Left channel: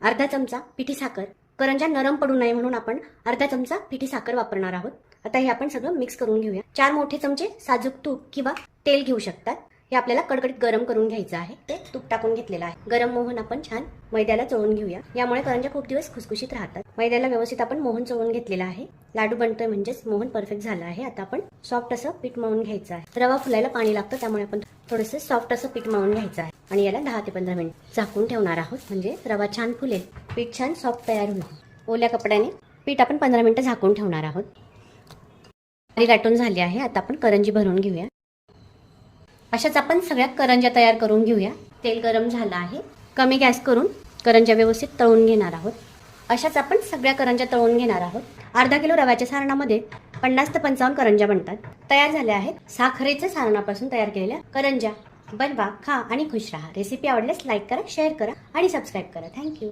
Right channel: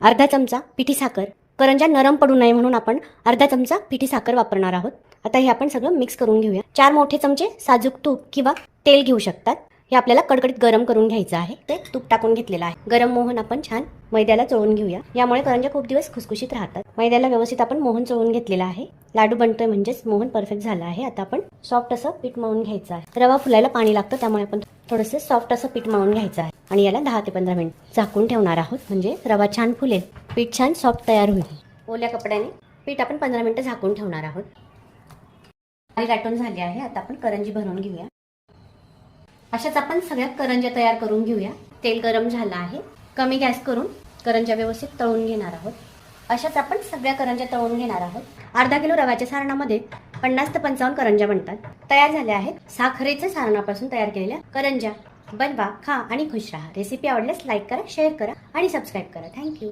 अर्धा चमचा पिठी साखर, करंज्या नरम पडू नये म्हणून आपण अर्धा चमचा पिठी साखर वापरणार आहोत। आता हे आपण सगळं मिक्स करून घेऊया। 4 मोठे चमचे साजूक तूप किंवा तेल घेऊ शकतात। हे आपल्याला कडकडीत गरम करून घ्यायचं आहे। ते तूप टाकून घेतलेलं आहे। गरम मोहन आपण छान मैद्याला चोळून घेऊया। यामुळे करंज्या खूप दिवस खुसखुशीत राहतात। मैद्याला व्यवस्थित आपण मोहन चोळून घेतलेला आहे। लाडू बनतोय म्हणजेच मोहन परफेक्ट झाला आहे। आता आपण सॉफ्ट असं पीठ मळून घ्यायचं आहे। रवा फुलायला पाणी लागतं, त्यामुळे आपण थोडंसं सॉफ्ट असं पीठ मळून घ्यायचं आहे आणि याला 10 ते 15 मिनिट झाकून ठेवणार आहोत, म्हणजे रवा छान फुलेल, पीठ छान सॉफ्ट तयार होईल। ओल्या कपड्याने पीठ आपण 15 मिनिटं झाकून ठेवणार आहोत। लाटून झाली आहे। आता आपण करंजी भरून घेऊया। अशाच आपण सगळ्या करंज्या तयार करून घेऊया। तेल गरम झालं आहे। कमी गॅस करून करंज्या व्यवस्थित तळून घेणार आहोत। अशाच आपण सगळ्या करंज्या तळून घेणार आहोत। अर्धा किलो रव्याच्या सारणामध्ये 50 ते 55 करंज्या बनतात। तयार झाल्या आहेत साखरेच्या सारणापासून तयार केलेल्या करंज्या। बनवा, खा आणि खुश राहा। रेसिपी आवडल्यास लाईक करा, शेअर करा आणि सबस्क्राईब करा। थँक्यू।